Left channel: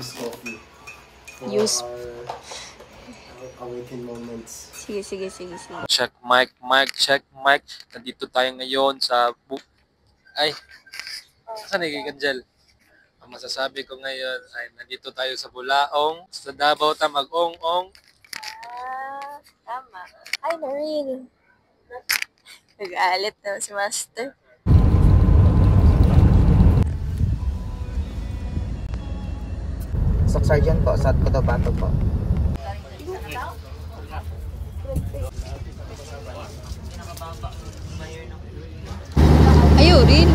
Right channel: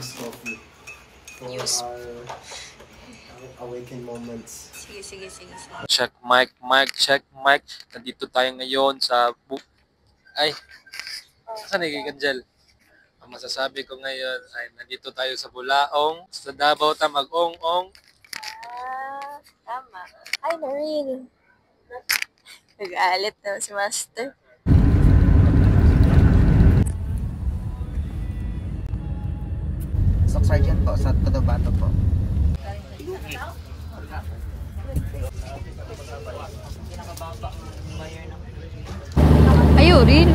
use coffee for our awakened moments. Sige. Check mic, check mic. Nandito tayo ngayon sa Ay, saan Kanjel? Ang masasabi ko ngayon ay nandito tayo sa Bulaong, sa Davao ta mag-ong-ong. Tama. Ay, Noreen. Nag-aalit na si Master. Stock Sergeant po sa Cotabato po. Ayun, din.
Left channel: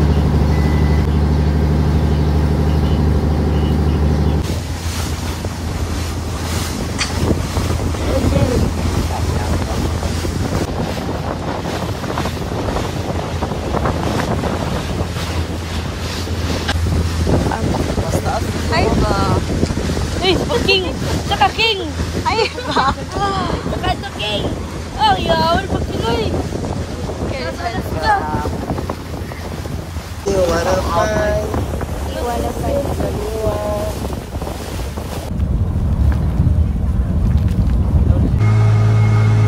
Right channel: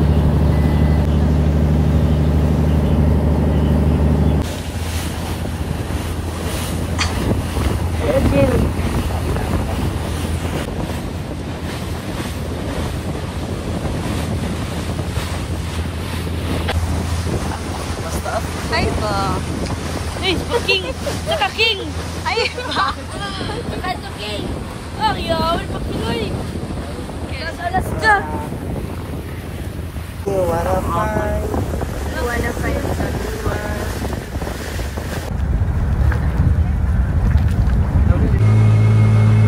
Ay ba? Hey, King! Saka King! Ay ba? Saka ito King! Oh, yeah! Wala pa Pinoy! Alas ka! Wala pa yun.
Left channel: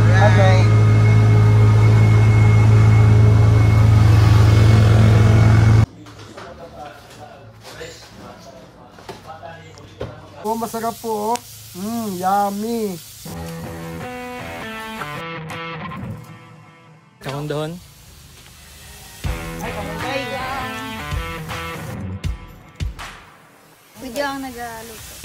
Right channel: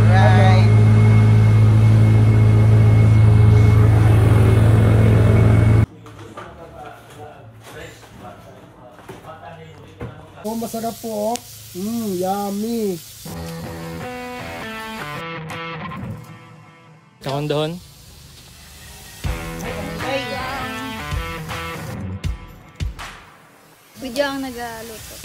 Right. Oh, masarap po. Yummy. Kahon-dahon. Video ang nag-aluto.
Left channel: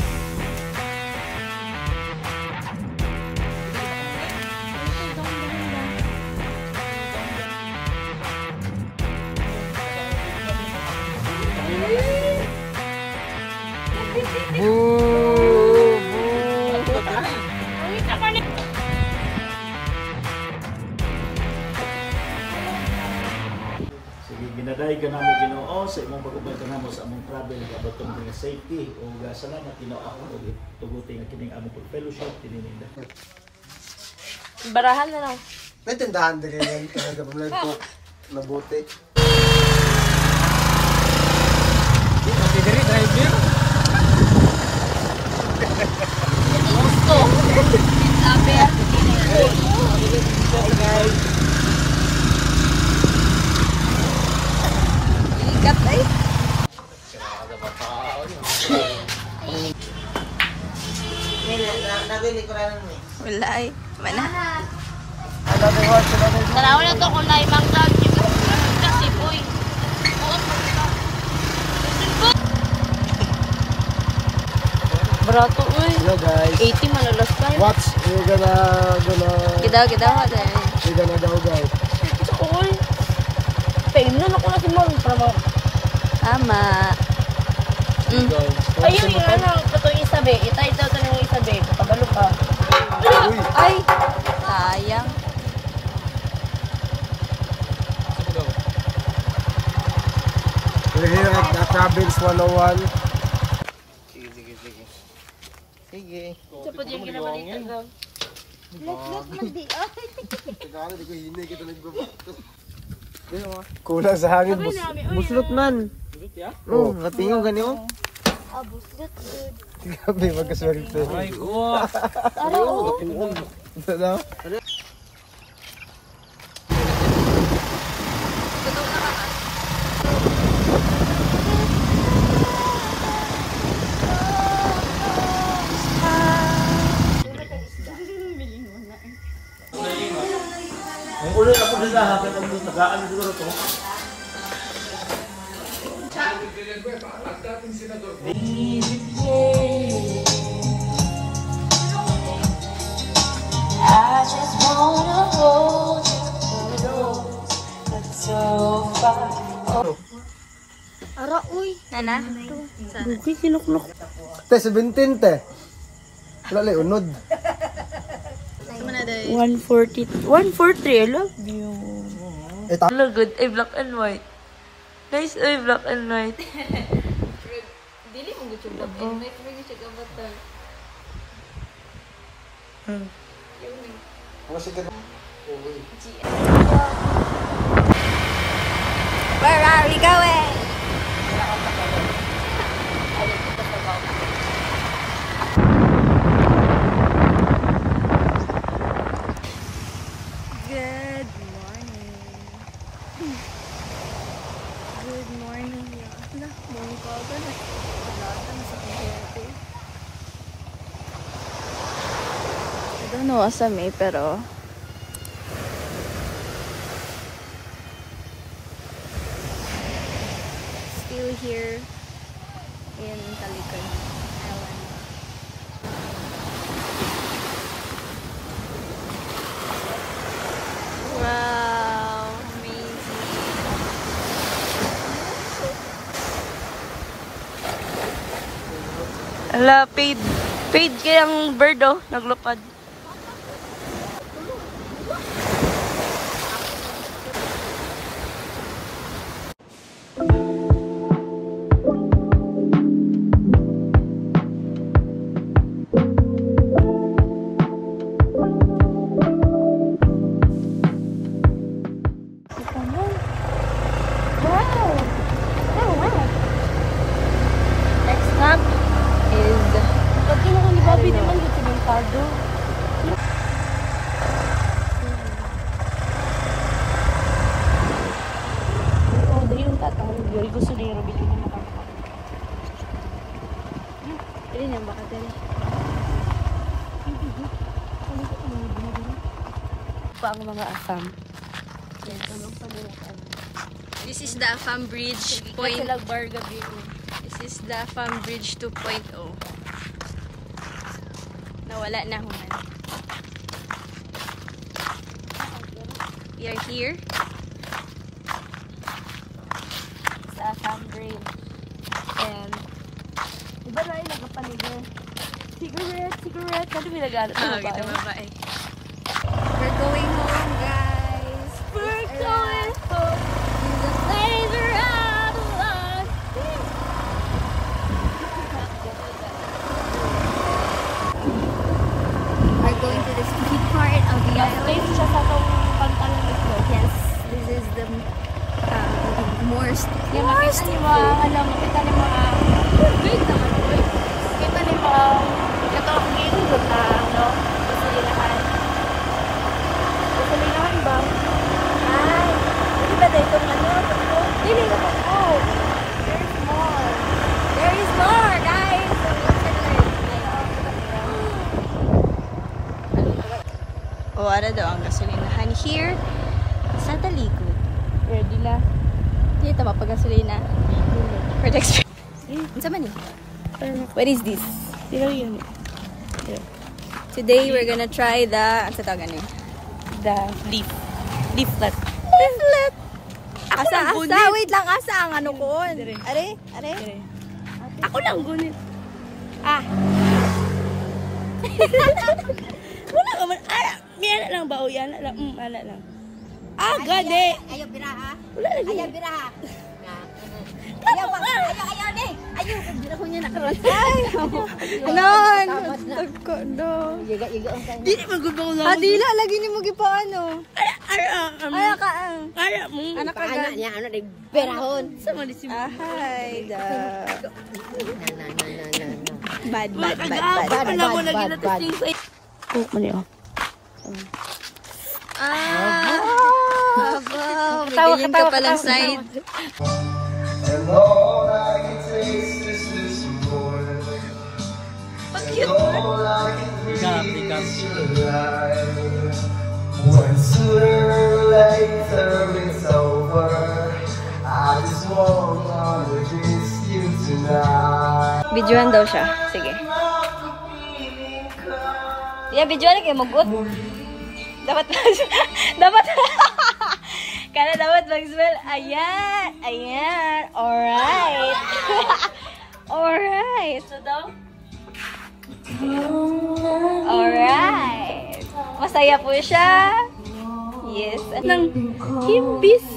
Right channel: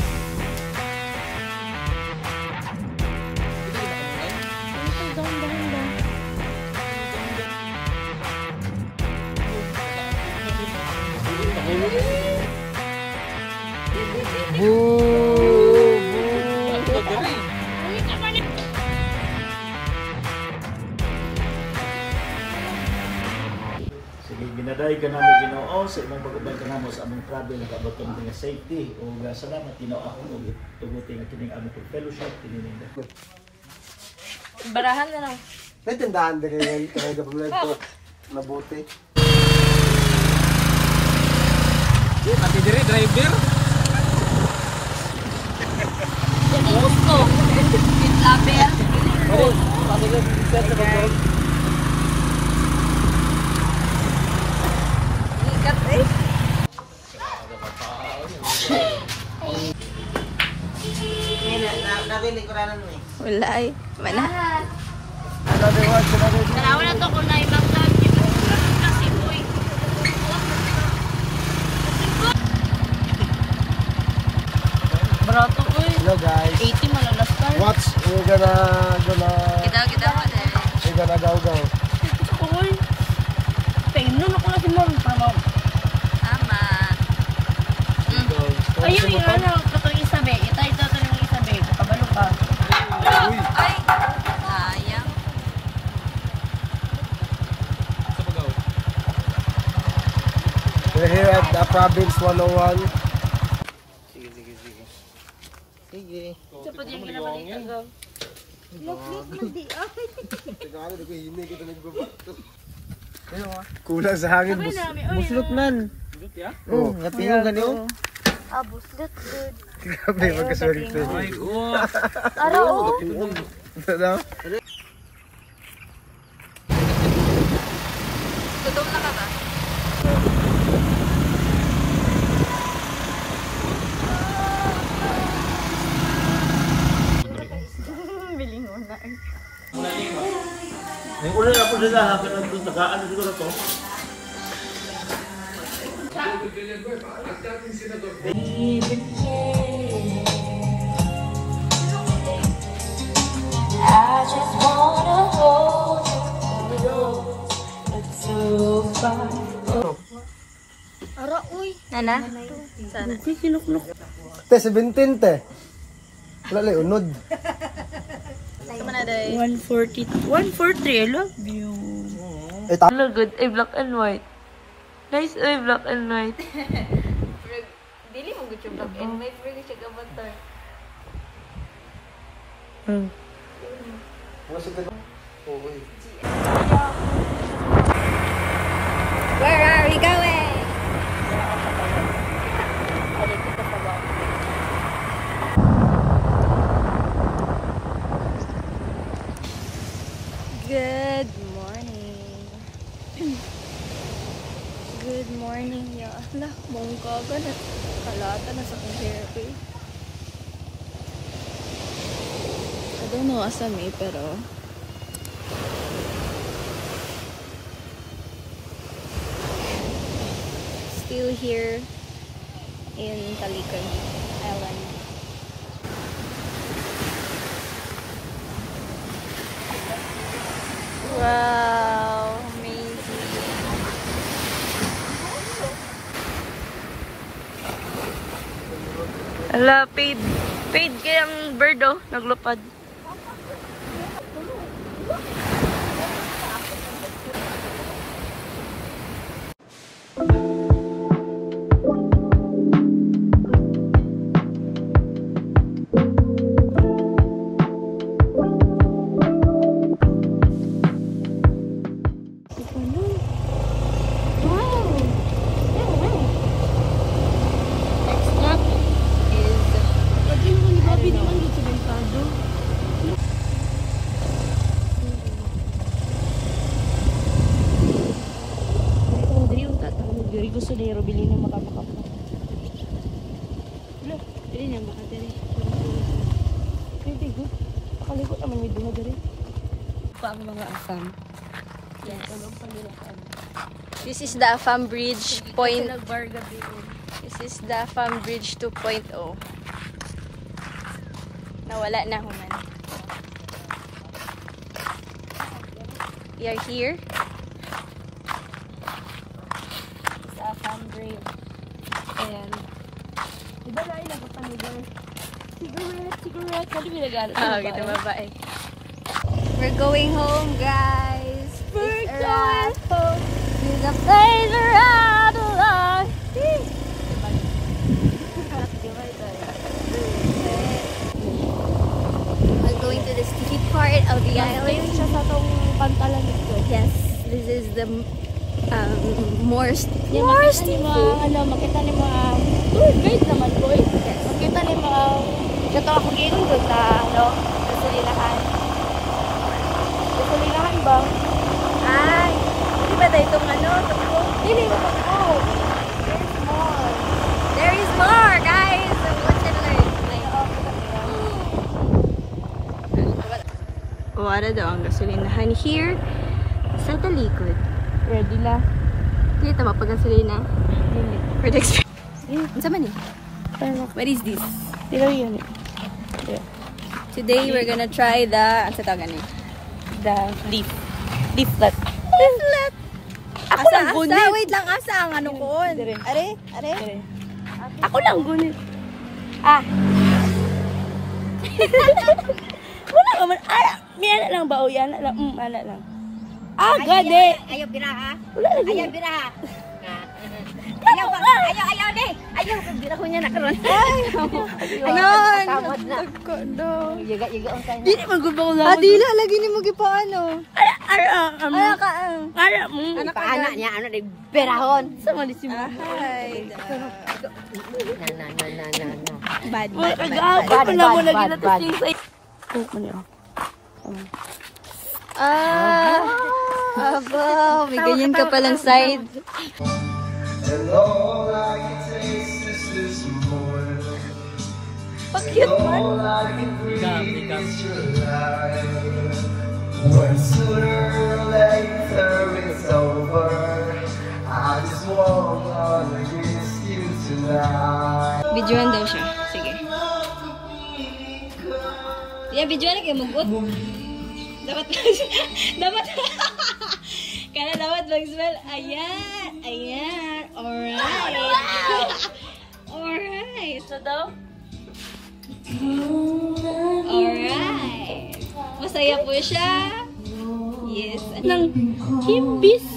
Sige, ginaday ka namo Ginoo sa imong pag-ubay ka namo sa among travel nag-abot kami nga safety ug salamat Ginoo ug tuguti nga kining among fellowship tininda. Barahan mo na. May tindahan din yan. Kaya kapag ito mabuti. Pati diri driver. Yan ang gusto. Saber. Hi guys. Ligat eh. Nabili ko na nun eh. Wala eh. Mana? Tarawan na ito kung naimang down yung kasi boy. Barato uy. Hello guys. 80 malalas ka. Watch. We're gonna daw. Uy. Painom ako na si Mom. Tama. Ayun yung ano, katong isabi. Itay daw ito ng isabi. Kabalo pa. Uy. Ay! Sayang. We're here at the Province 101. Sige. Ito pa din ginabalita daw. Kulang sa hangin. Buslot man. Oh, natingong ganyo. Buslot good. Grabe, magkaswerte. Araw. Ano? Gutom na ka ba? Ang ulo na po nila ha kanang tagaan siguro to. I just wanna hold you, it's so far. Ara, uy. Nana? Sana. Uy, kinuklok. Te, 17 te. Wala lang, unod. Sama na day. 140. 143, I love you. Eh, ta- Look good, black and white. Nice, black and white. Dili mo gusto yung black and white. Pero gusto ka matan. ano si Ted? Oh, uy. Where are we going? morning niya. Ala, bongga ka na. Halata na sa kong hair eh. I don't know asa may, pero still here in Talican Island. Wow, amazing. Ala, paid. Paid kayang bird, oh. Naglupad. Diri gusto ni Robili ni makamako. Ano? Dili niya baka diri. Hindi ko. Ano ko kami video diri? Pa ang mga asam. Yes. This is the Afam Bridge point. This is the Afam Bridge 2.0. Nawala na human. We are here. Afam Bridge. And diba na yung nagapanigan? Cigarette. Kali binagalit sa babae. We're going home, guys. We're going home to the place where I belong. We're going to the street part of the island. Sa tong pantalan ito. Yes, this is the makita ni mga makita ni mga great naman po. Makita ni mga katawang gilid na gasolinahan. Gasolinahan ba? Ay, hindi ba dahil itong hindi ba ito? Oh, there's more. There is more, guys. Watch and learn. Oh, ano daw ang gasolinahan here sa talikod. Ready na. Hindi tama pag gasolina. For the experience. Ano man eh? What is this? Today we're gonna try the ano sa tawag the leaflet. Leaflet. Asa? Wait lang, asa ang ano ko? Are? Ako lang gunit. Wala ka man. May ala lang ba o yan? Ala lang. Gade. Ayaw biraha. Ayaw biraha. Ayaw de. Ayaw kung biraha ko niya nakaroon. Ayun. Tagko do. Di naman gusto ko lang. Dila lagi ni mo gipaano. Ay ka. Anak ka anak niya ano de birahon. Sama di si mo. Hi. Bad. Wala mo lagi na testing sa. Ko niya. Ganyan ka palang side. And all I can taste is this more. And all I can breathe is your life. Once sooner or later it's over. I just wanna kiss you tonight. Videoan daw siya. Sige. Yeah, videoan na kayo magot. Dapat Kaya dapat mag-smell. Ayan. Alright. Alright. So daw? Alright. Masaya po siya. Yes. Nang kimbis.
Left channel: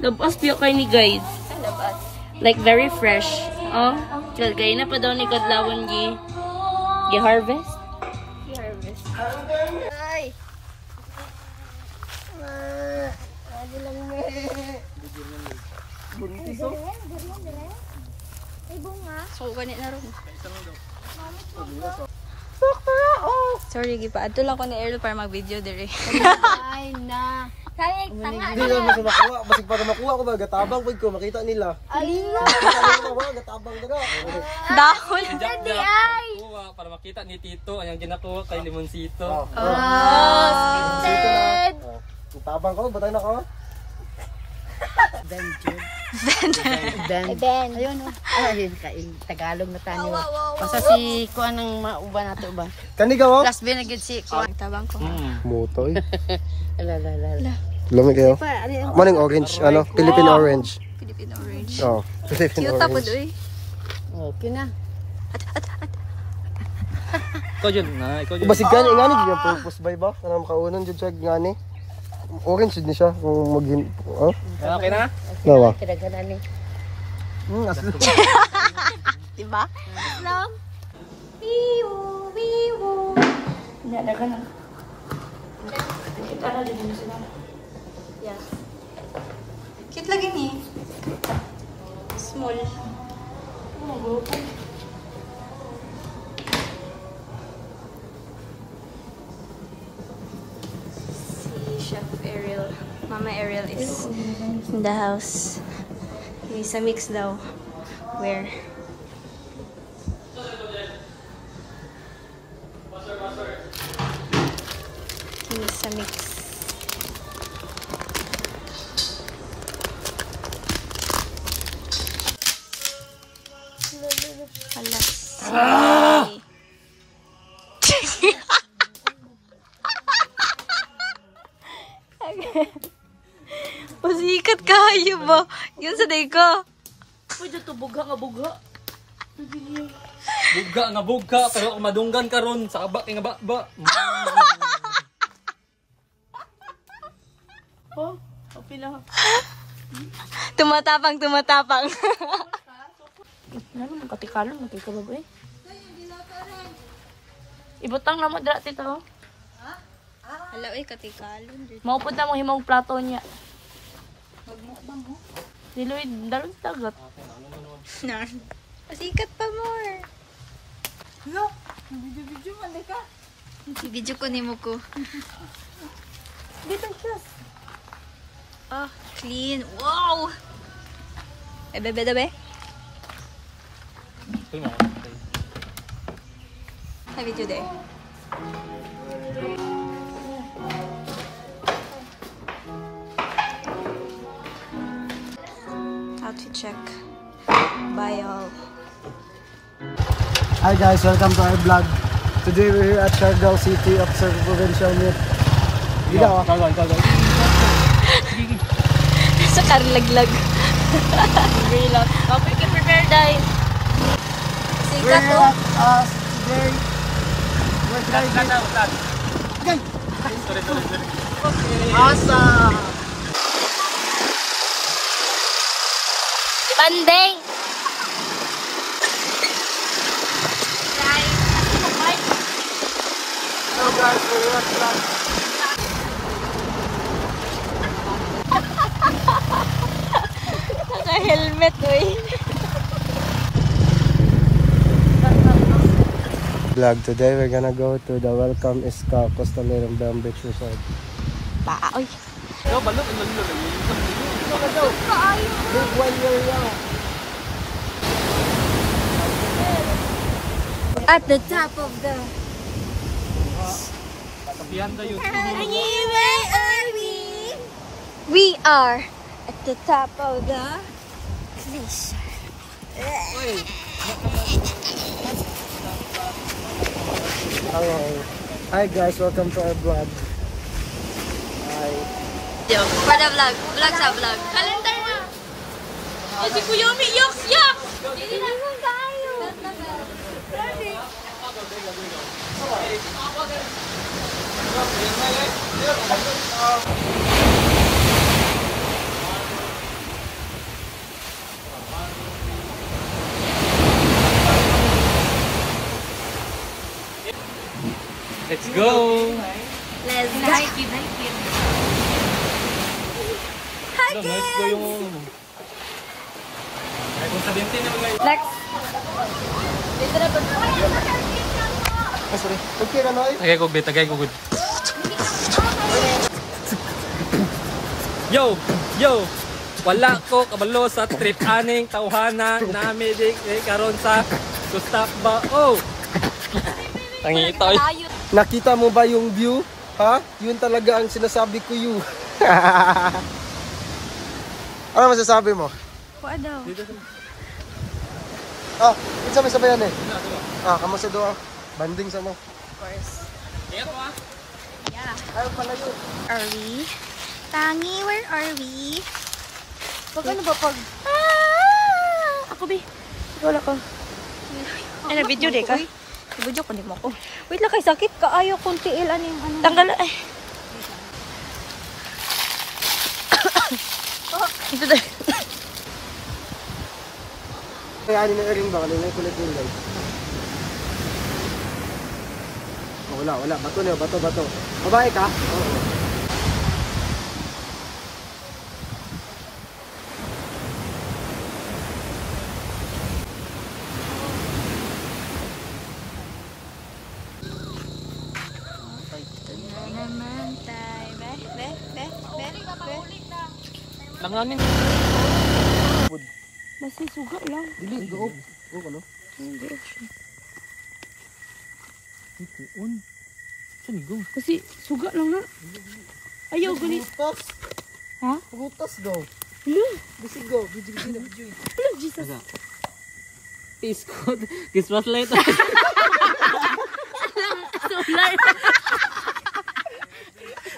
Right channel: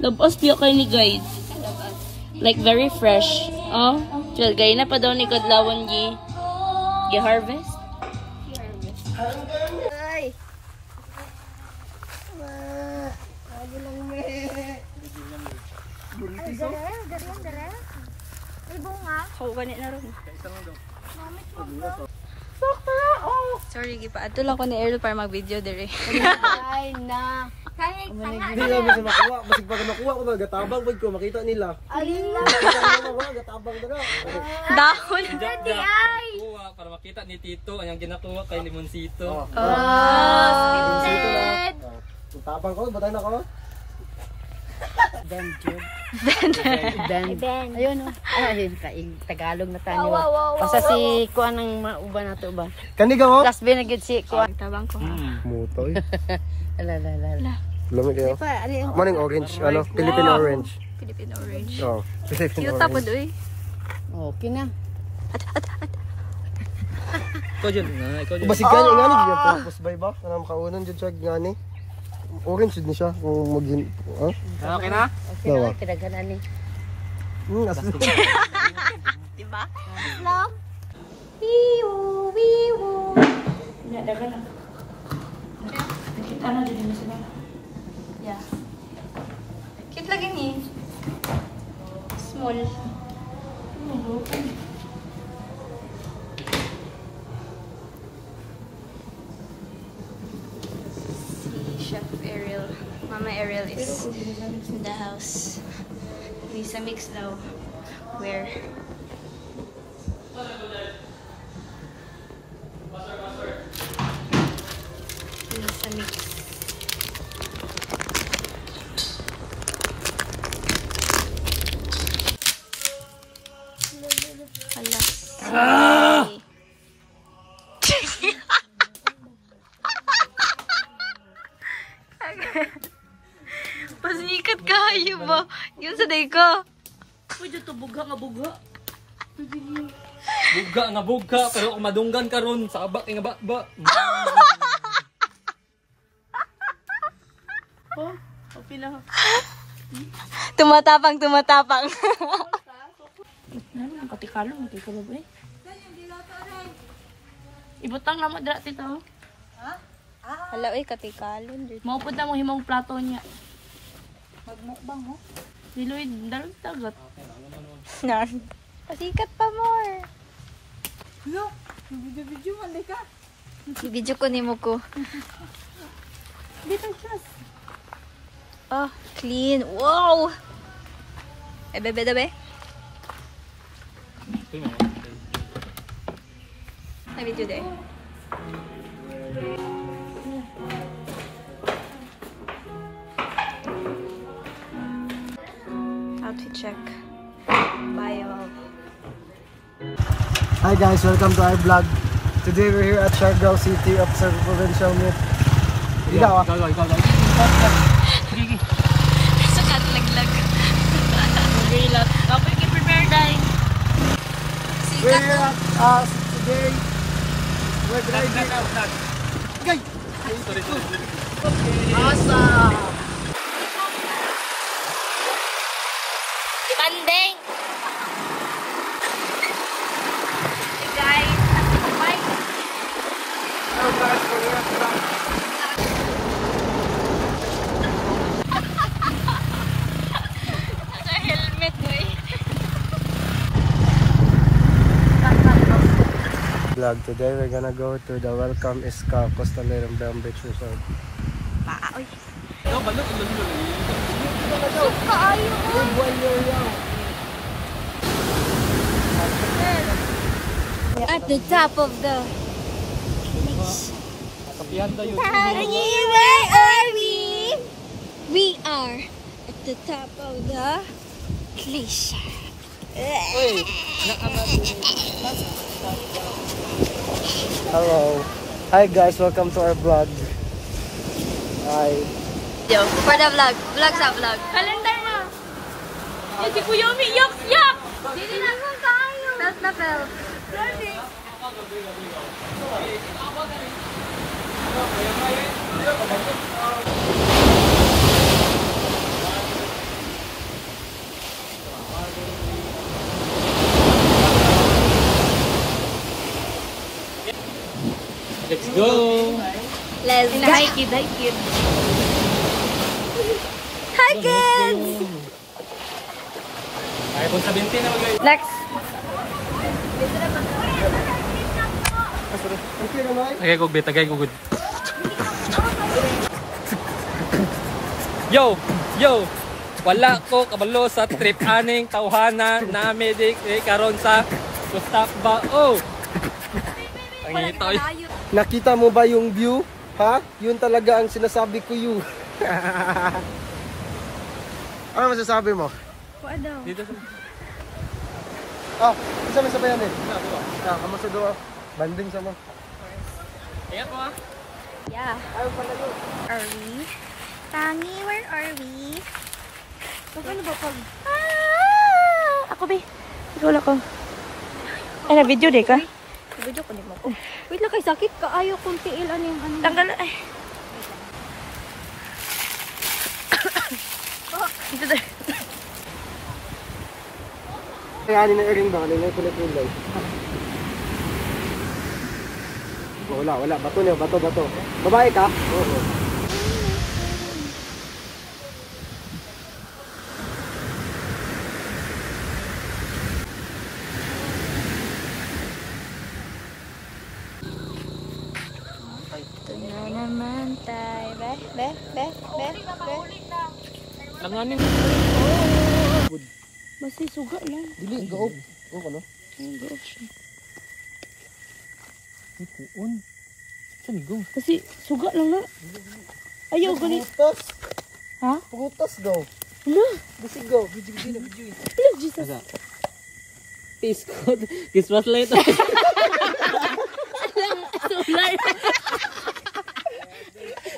Labas diyo kayo ni guys. Labas. Like very fresh. Oh. Well, gaya na pa daw ni Godlawan gi-harvest. Ay. So, ganit na rin. Sorry, gipa. Ato lang ko ni Earl para mag-video dire. Ay na. Hindi na ba makuha. Basig para makuha ko ba, gatabang pag ko, makita nila. Makita nila mga gatabang na. Dahon. Kuha para makita ni Tito ang ginakuha kay Limonsito. Dito na. Tabang ko, batay na ko. Ben. Ayun o. Ayun, Tagalog na tayo. Basta si Kuan ang mauba nato ba? Kaniga mo? Last binagid si Kuan. Tabang ko. Motoy. La. Lumi kayo. Maning orange, ano? Philippine orange. Philippine orange. Oo. Philippine Cute orange. po doy. Okay na. Ikaw dyan nga, ikaw dyan. Basig gani ngani gyud tapos bay ba? Kanang kaunon jud siya ngani. Orange jud ni siya kung magin. Oh. Okay na? Nawa. Kidaganan ni. Asli. Diba? Lang. Wiwo, wiwo. Nya dagan na. Nakita na din sila. Yeah. Cute lagi ni. Small. Chef Ariel. Mama Ariel is in the house. Sa mix daw. Where? Sa mix. Hala. Pasikat kayo ba? Yun sa day ko. Pwede to buga nga buga. Buga nga buga pero kung madunggan ka ron sa abak nga ba. Oh, pila. Tumatapang. Ano ang katikalan mo kay kalab eh. Ibutang na mo dira tito. Hala oy katikalan. Maupod na mo himong plato niya. Magmukbang ho. Diloy dalawang tagat. Nan. Pasikat pa more. Yo, video man ka. I-video ko nimo ko. Dito plus. Oh, clean. Wow. Bebe. Have video there. Outfit check. Bio. Hi guys, welcome to our vlog. Today we're here at Siargao City Observer Provincial Meet. Ikaw. Sa karlaglag. Relax. Kapag ka-prepare dahil. Sikat to. Today, we're driving. Guys! Awesome! Pandeng! Guys, oh my. So guys, we're here at France. Naka-helmet eh. Vlog today we're gonna go to the Welcome Iska Costanera Dam Beach Resort. Oy. At the top of the where are we? We are at the top of the glacier. Hello. Hi guys, welcome to our vlog. Hi. For the vlog. Vlog sa vlog. Calendar na. Si Kuya Umi, yak! Dili na tayo. Belt na belt. Let's go! Let's go. Hi, kid. Hi, kids! iPhone 17 naman guys. Next. Okay na, Noy? Tagay ko gud. Yo! Yo! Wala ko kabalo sa trip aning tawhana nami di karon sa Gustavo. Oh! Tangito. Nakita mo ba yung view? Ha? Yun talaga ang sinasabi ko you. Ano masasabi mo? Kuha daw. Ah, isa may sabayan eh. Ah, kamusta doon? Banding sa mo. Ingat mo. Yeah. Ayun pala yun. Are we? Tangi, where are we? Pag ano ba pag... Ako be. Wala ko. Ay, na video di ka? Video ko di mo ko. Wait lang kay sakit ka. Ayaw kong tiil. Ano yung ano? Tanggal ay. Ito dahil. Kaya ani na ring ba? Kanina yung kulay-kulay. Wala. Bato niyo. Bato. Babae ka? Oo. Ito na naman tayo. Be. Langanin. Basi suga lang. Dili, gaop. Oo, ano? Ikuon. Saan go? Kasi suga lang na. Ayaw galit. Putas. Ha? Putas daw. Hala. Bisi go. Video. Hala, Jesus. Peace code. Christmas light. Solar.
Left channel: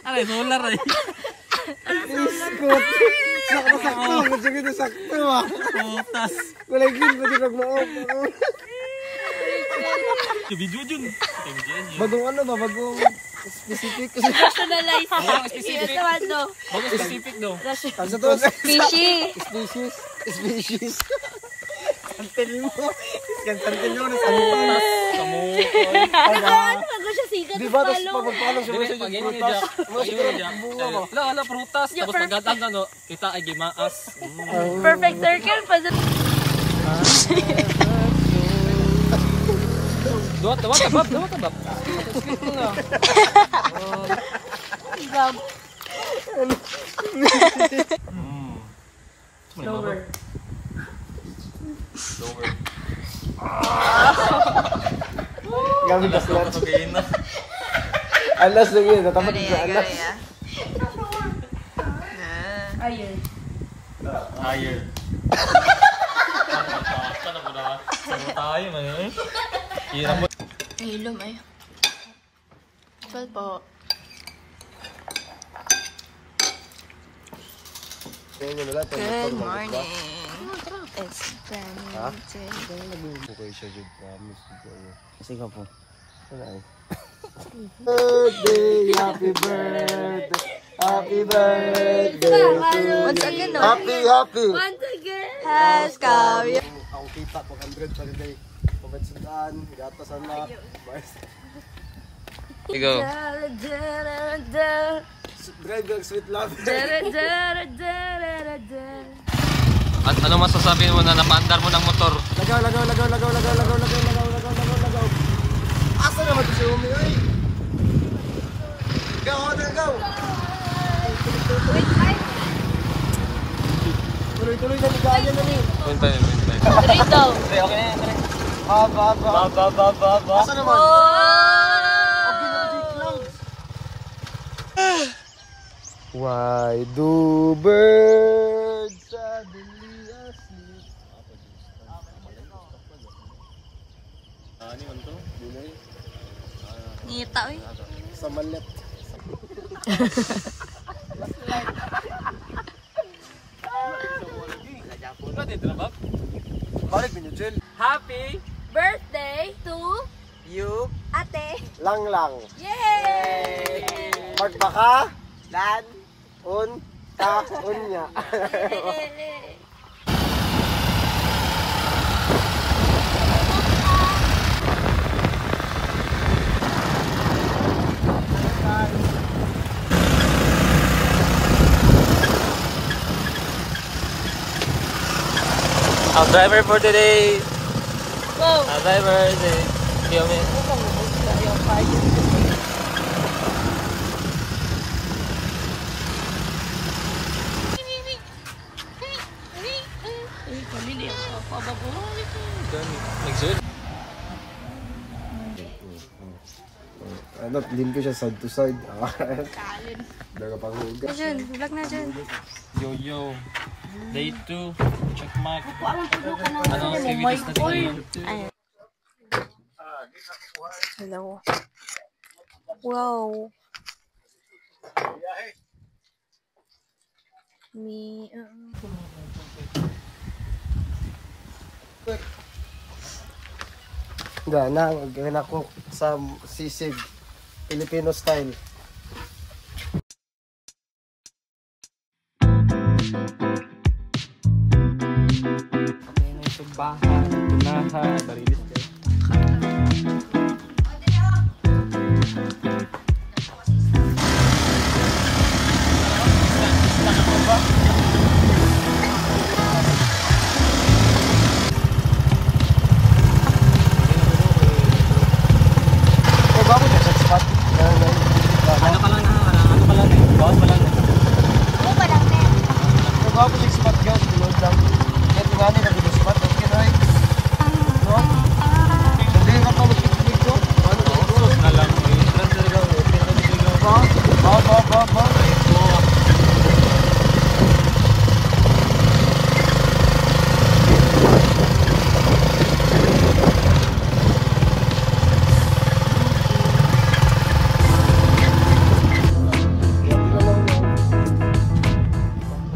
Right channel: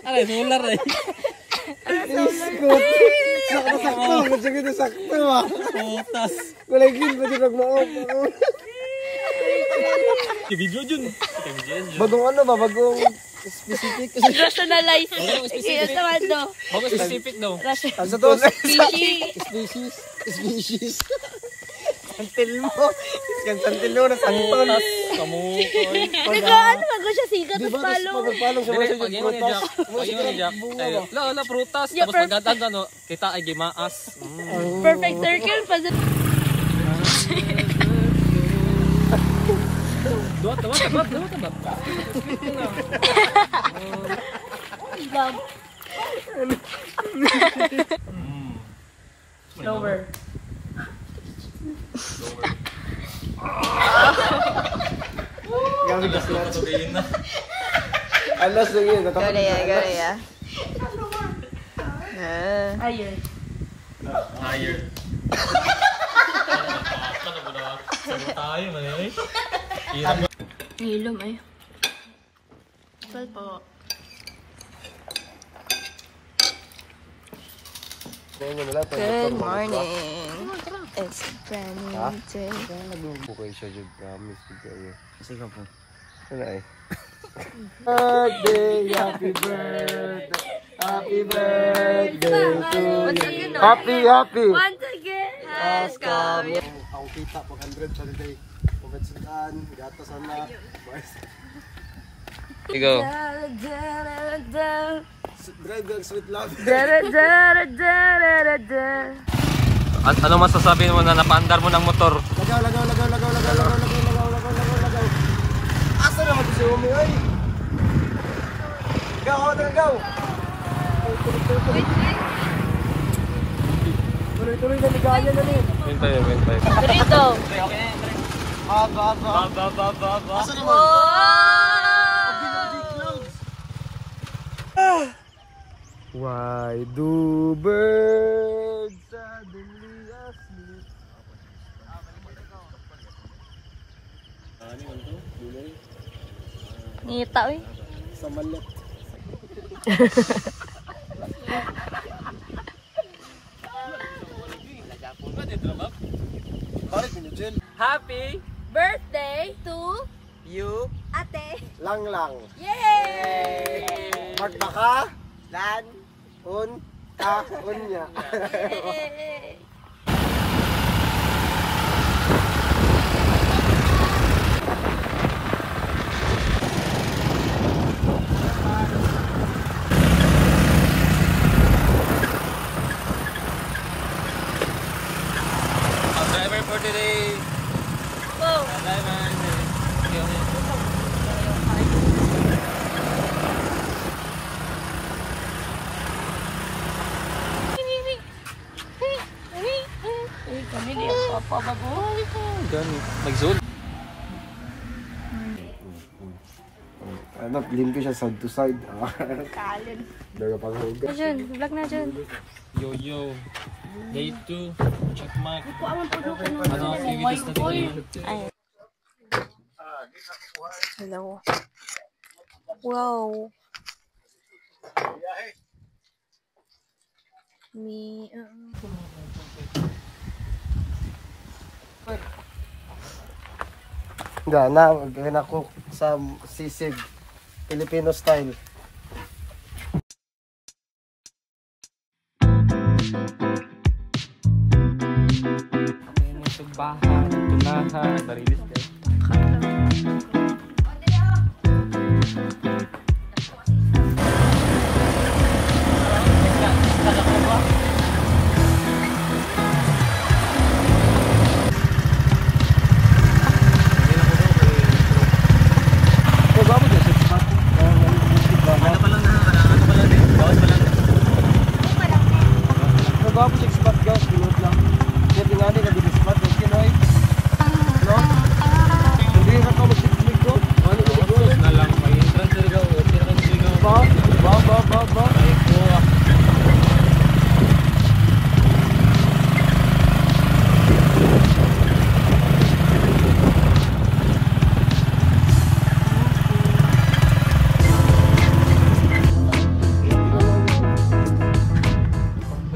Alay, solar eh. Iskot. Sakto. Medyo gito sakto ah. Putas. Kulay-gil pa dito mag-maop. Video dyan. Bagong ano ba? Bagong specific. Personalize. specific. Ito naman to. Bago specific no. Ano to? Fishy. Species. Santil mo. Yan santil mo. Nasangpan. Kamukol. Ano ba siya sigat? Di ba? Tapos pagpapalong sa mga yung prutas. Wala, prutas. Tapos pagkatag ano, kita ay gimaas. Perfect circle pa. Dawat. Love. Over. Gamit ang slat. Alas lang yun. Go ya. Ayun. Higher. Ano ba na? Sagot tayo man eh. Hirap mo. Ilom ay. Well po. Good morning. It's Granny Day. Okay siya dyan. Kasi ka po. Wala eh. Birthday, happy birthday. Happy birthday. Once again, no? Happy. Once again. Haskell. Ang kita pag 100 sa day. Pabetsudan, gatas anak. Ikaw. Driver, sweet love. At ano masasabi mo na napaandar mo ng motor? Lagaw. Asa naman si Umi, ay? Lagaw. Tuloy na ligaya na ni. Wintay. Dito. Bad. Asa naman? Why do birds suddenly asleep? Ngita, uy. Sa malet. Balik niyo, Jill. Happy Birthday to You. Ate. Lang. Yay! Magbaka. Lan. Unya. Ang driver for today. Wow. Ang driver. Feel me? Ano, lim ko siya side to side. Kalin. Daga pang huga. Na dyan, vlog na dyan. Yo. Day 2. Check mark. Ano activities natin ngayon? Ayun. Hello. Wow. Gana ko sa sisig Filipino style. Bahan, tunahan, barilis kayo.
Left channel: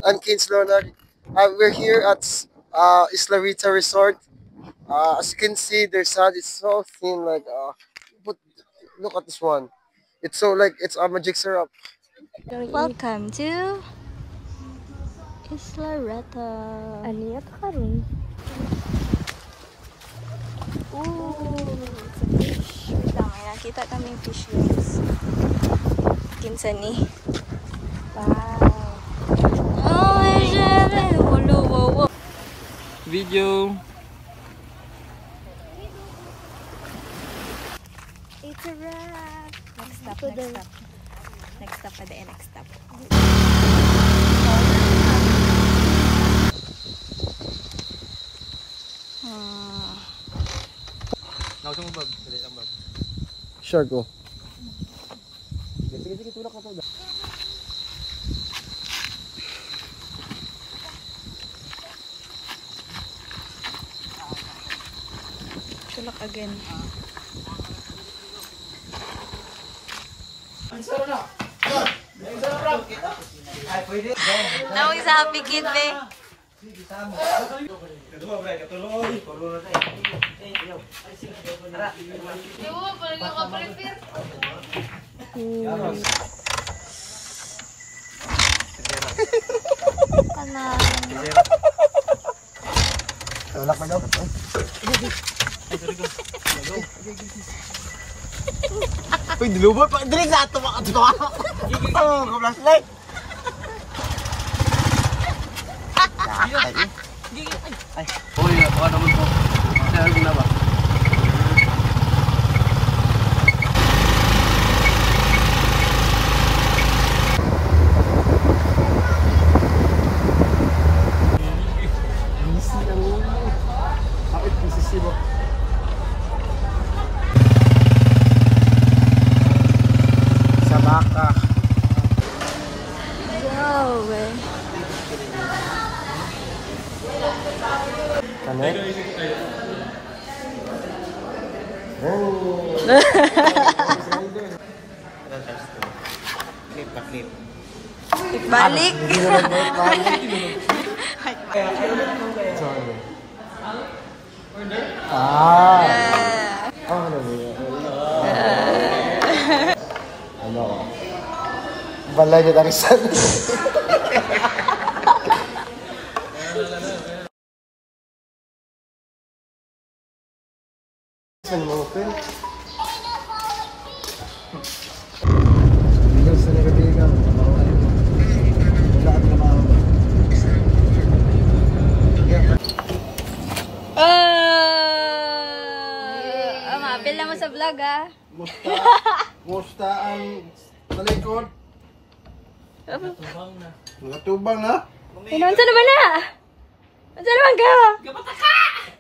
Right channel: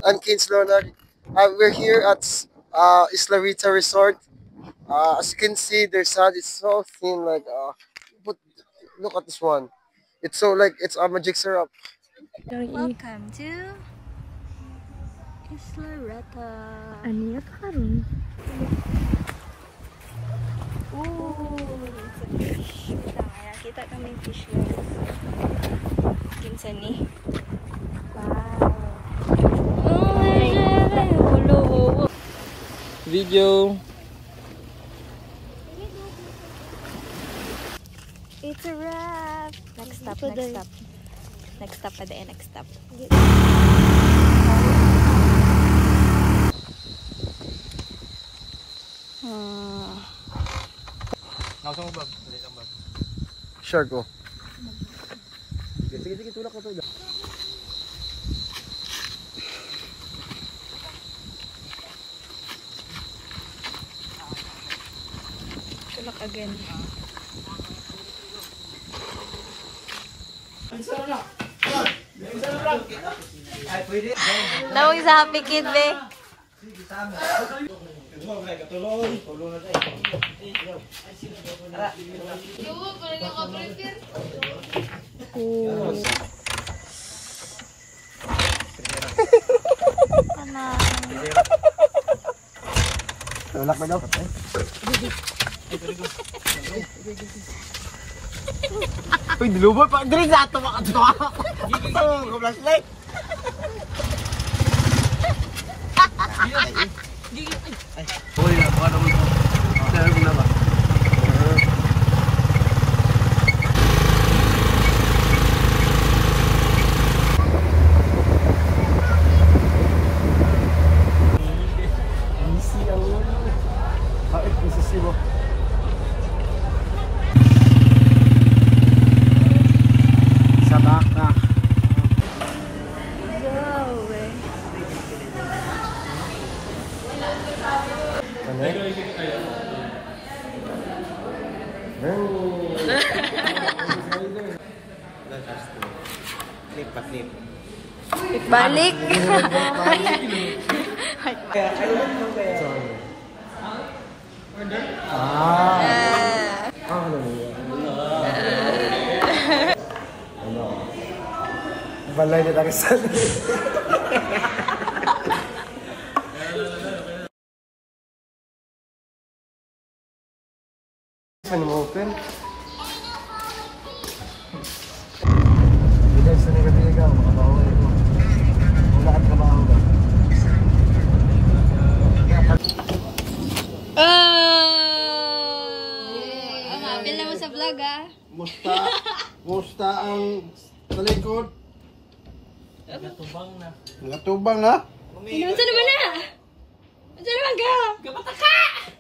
I'm Kins Leonard. We're here at Isla Rita Resort. As you can see, their sand is so thin. Like, look at this one. It's so like it's a magic syrup. Welcome to Isla Rita. Ano yan karon? Ooh, it's a fish. Wait lang, nakita namin fish guys. Kinsa ni? Wow. Video. It's a wrap. Next stop. Next stop pa din, next stop. Sure, go. Sige, tulak ko to. Tulak again. Nawag sa happy kid, be. Tulak na daw. Uy, dilubot pa. Dili sa ato mga ato. Oh, flashlight. Uy, ako naman to. Kaya gila ba? Easy ang ulo. Kapit ko sa silo. Sa baka. Go, eh. Clip pa, clip. Balik. Balay niya tayo sa open. Mabil naman sa vlog, ah. Musta ang talikod? Natubang na. Ano, unsa naman na? Unsa naman ka?